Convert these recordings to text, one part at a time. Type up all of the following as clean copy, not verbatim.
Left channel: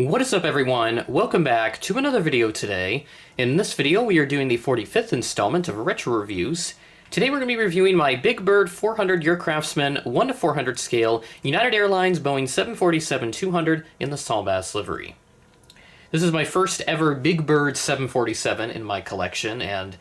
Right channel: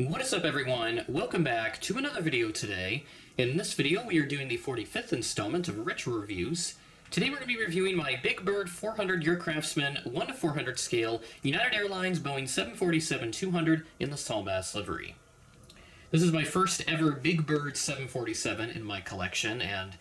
What is up, everyone? Welcome back to another video today. In this video, we are doing the 45th installment of Retro Reviews. Today we're going to be reviewing my BigBird400 Aircraftsman 1:400 scale United Airlines Boeing 747-200 in the Saul Bass livery. This is my first ever BigBird 747 in my collection, and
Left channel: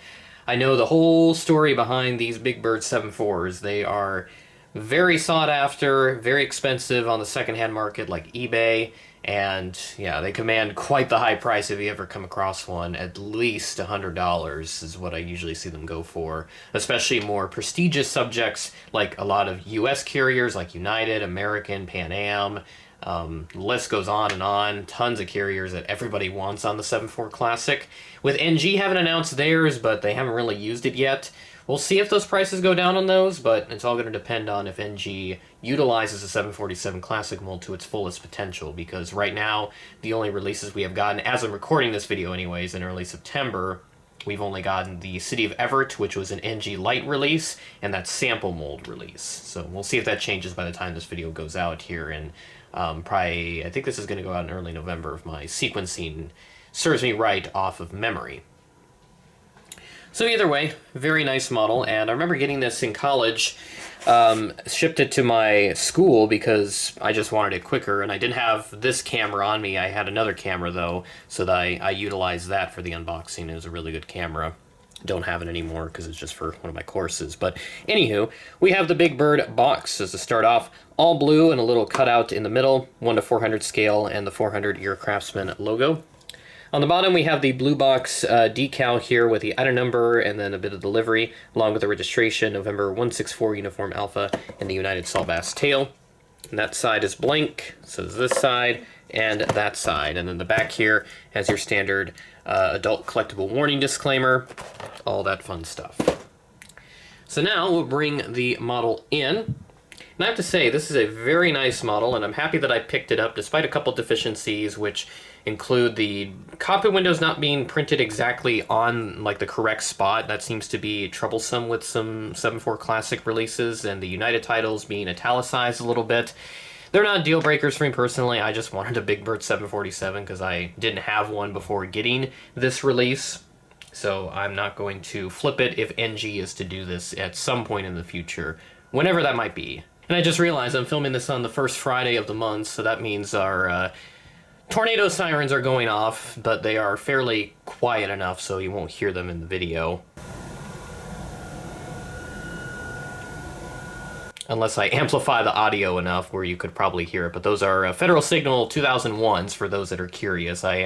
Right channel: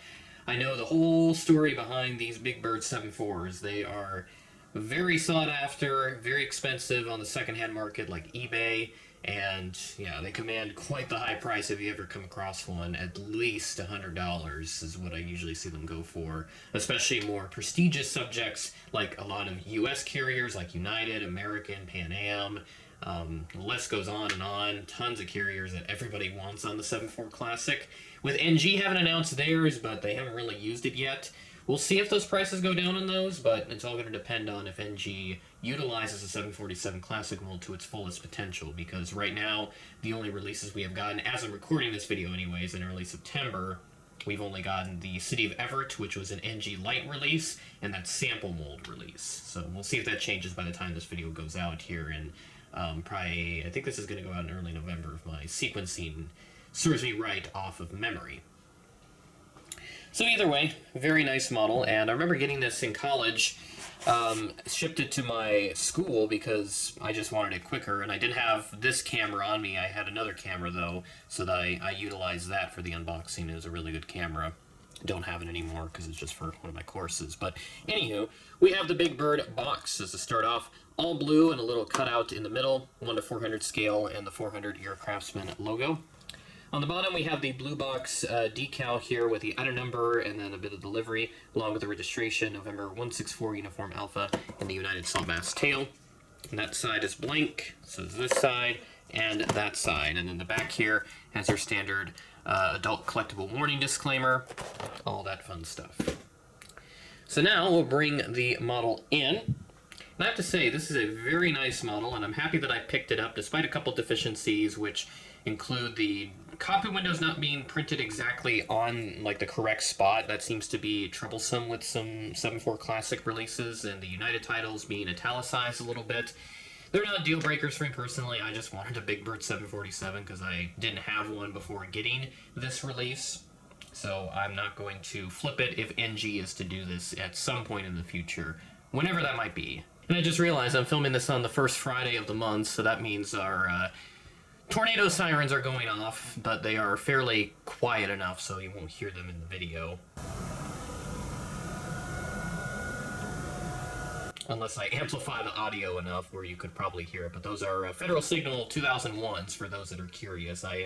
I know the whole story behind these BigBird 74s. They are very sought after, very expensive on the secondhand market like eBay. And yeah, they command quite the high price if you ever come across one. At least $100 is what I usually see them go for, especially more prestigious subjects like a lot of US carriers like United, American, Pan Am. The list goes on and on. Tons of carriers that everybody wants on the 74 Classic. With NG haven't announced theirs, but they haven't really used it yet. We'll see if those prices go down on those, but it's all going to depend on if NG utilizes the 747 Classic mold to its fullest potential, because right now, the only releases we have gotten, as I'm recording this video anyways, in early September, we've only gotten the City of Everett, which was an NG Lite release, and that sample mold release. So we'll see if that changes by the time this video goes out here, and probably, I think this is going to go out in early November if my sequencing serves me right off of memory. So either way, very nice model, and I remember getting this in college, shipped it to my school because I just wanted it quicker, and I didn't have this camera on me. I had another camera, though, so that I utilized that for the unboxing. It was a really good camera. Don't have it anymore because it's just for one of my courses. But anywho, we have the BigBird box as to start off, all blue and a little cutout in the middle, 1:400 scale, and the 400 Aircraftsman logo. On the bottom, we have the blue box decal here with the item number and then a bit of the livery, along with the registration, November 164 Uniform Alpha, and the United Saul Bass tail. And that side is blank, so is this side and that side. And then the back here has your standard adult collectible warning disclaimer, all that fun stuff. So now we'll bring the model in. And I have to say, this is a very nice model, and I'm happy that I picked it up, despite a couple deficiencies, which include the cockpit windows not being printed exactly on like the correct spot. That seems to be troublesome with some 74 Classic releases, and the United titles being italicized a little bit. They're not deal breakers for me personally. I just wanted a BigBird 747 because I didn't have one before getting this release. So I'm not going to flip it if NG is to do this at some point in the future, whenever that might be. And I just realized I'm filming this on the first Friday of the month, so that means our tornado sirens are going off, but they are fairly quiet enough so you won't hear them in the video. Unless I amplify the audio enough where you could probably hear it, but those are Federal Signal 2001s for those that are curious. I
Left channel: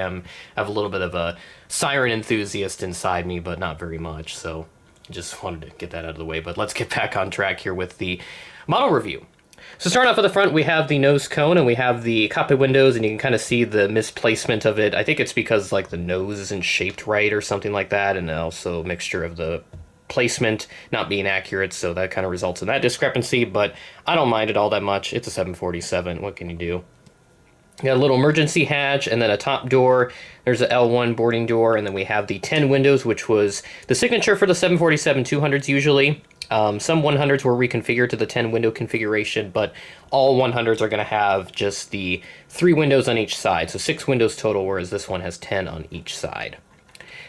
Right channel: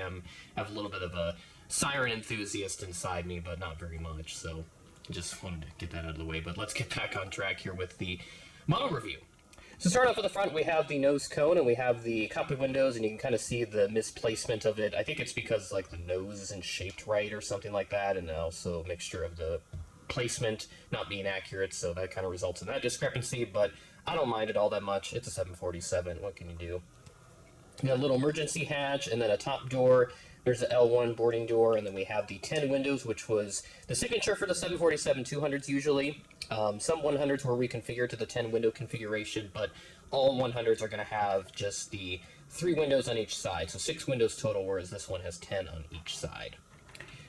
have a little bit of a siren enthusiast inside me, but not very much, so just wanted to get that out of the way. But let's get back on track here with the model review. So starting off at the front, we have the nose cone and we have the cockpit windows, and you can kind of see the misplacement of it. I think it's because like the nose isn't shaped right or something like that, and also a mixture of the placement not being accurate, so that kind of results in that discrepancy, but I don't mind it all that much. It's a 747, what can you do? You got a little emergency hatch and then a top door. There's a L1 boarding door, and then we have the 10 windows, which was the signature for the 747-200s usually. Some 100s were reconfigured to the 10 window configuration, but all 100s are going to have just the 3 windows on each side, so 6 windows total, whereas this one has 10 on each side.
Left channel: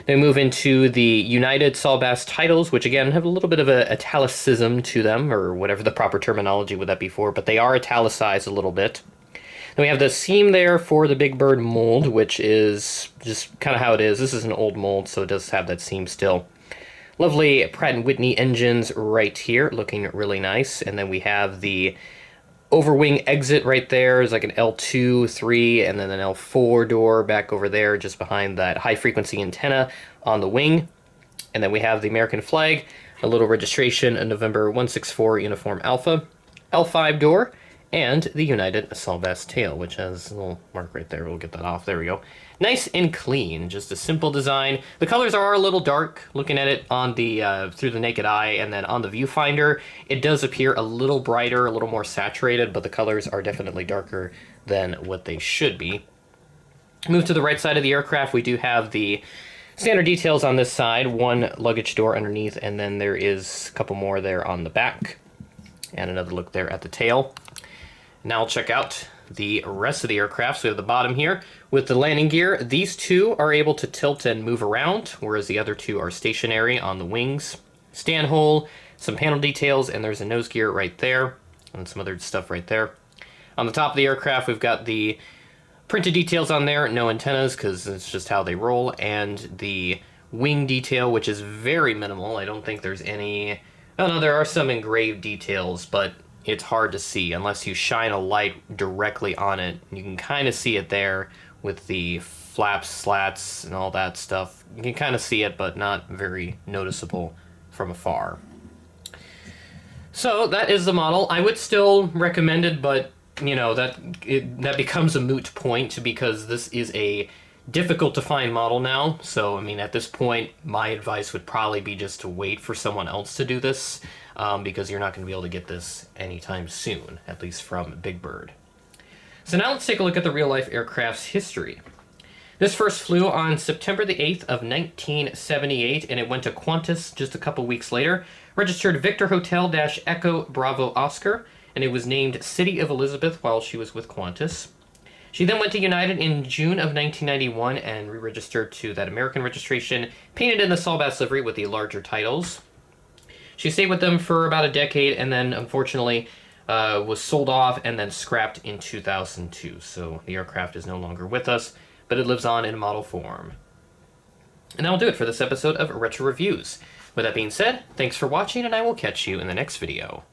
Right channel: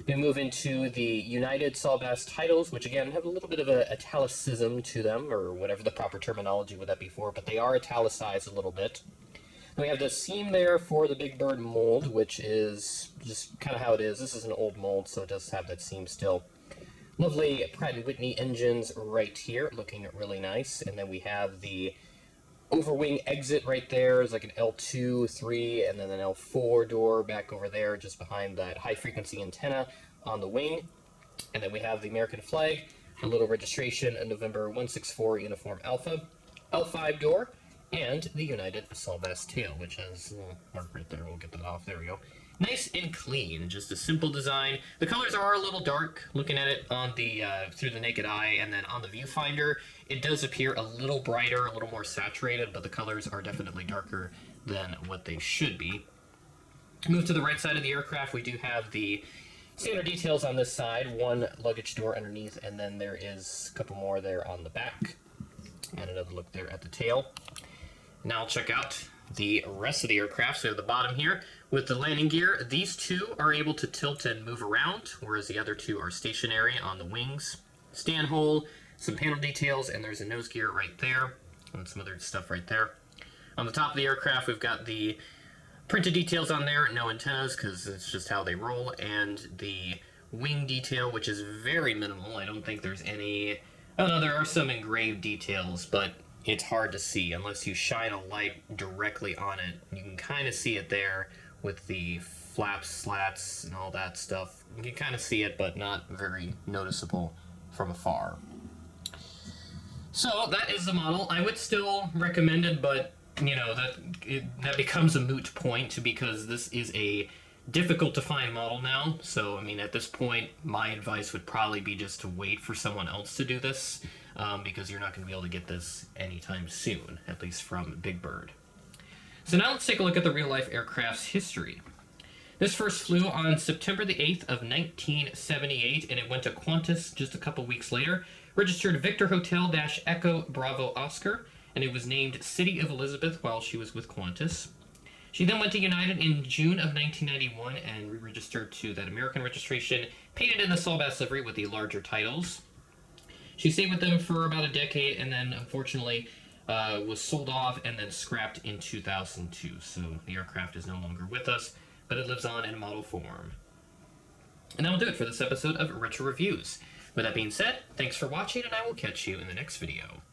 Then we move into the United Saul Bass titles, which again have a little bit of a italicism to them, or whatever the proper terminology would that be for, but they are italicized a little bit. Then we have the seam there for the BigBird mold, which is just kind of how it is. This is an old mold, so it does have that seam still. Lovely Pratt & Whitney engines right here, looking really nice. And then we have the overwing exit right there. There's like an L2, 3, and then an L4 door back over there, just behind that high-frequency antenna on the wing. And then we have the American flag, a little registration, a November 164 Uniform Alpha, L5 door, and the United Saul Bass tail, which has a little mark right there. We'll get that off. There we go. Nice and clean, just a simple design. The colors are a little dark, looking at it on the through the naked eye, and then on the viewfinder, it does appear a little brighter, a little more saturated, but the colors are definitely darker than what they should be. Move to the right side of the aircraft, we do have the standard details on this side, one luggage door underneath, and then there is a couple more there on the back, and another look there at the tail. Now I'll check out the rest of the aircraft. So we have the bottom here With the landing gear, these two are able to tilt and move around, whereas the other two are stationary on the wings. Stand hole, some panel details, and there's a nose gear right there, and some other stuff right there. On the top of the aircraft, we've got the printed details on there, no antennas, because it's just how they roll, and the wing detail, which is very minimal. I don't think there's any... Oh no, there are some engraved details, but it's hard to see unless you shine a light directly on it. You can kind of see it there with the flaps, slats, and all that stuff. You can kind of see it, but not very noticeable from afar. So that is the model. I would still recommend it, but you know, that becomes a moot point because this is a difficult to find model now. So I mean, at this point, my advice would probably be just to wait for someone else to do this, because you're not going to be able to get this anytime soon, at least from BigBird. So now let's take a look at the real-life aircraft's history. This first flew on September the 8th of 1978, and it went to Qantas just a couple weeks later, registered Victor Hotel-Echo Bravo Oscar, and it was named City of Elizabeth while she was with Qantas. She then went to United in June of 1991 and re-registered to that American registration, painted in the Saul Bass livery with the larger titles. She stayed with them for about a decade and then, unfortunately, was sold off and then scrapped in 2002. So the aircraft is no longer with us, but it lives on in model form. And that'll do it for this episode of Retro Reviews. With that being said, thanks for watching, and I will catch you in the next video.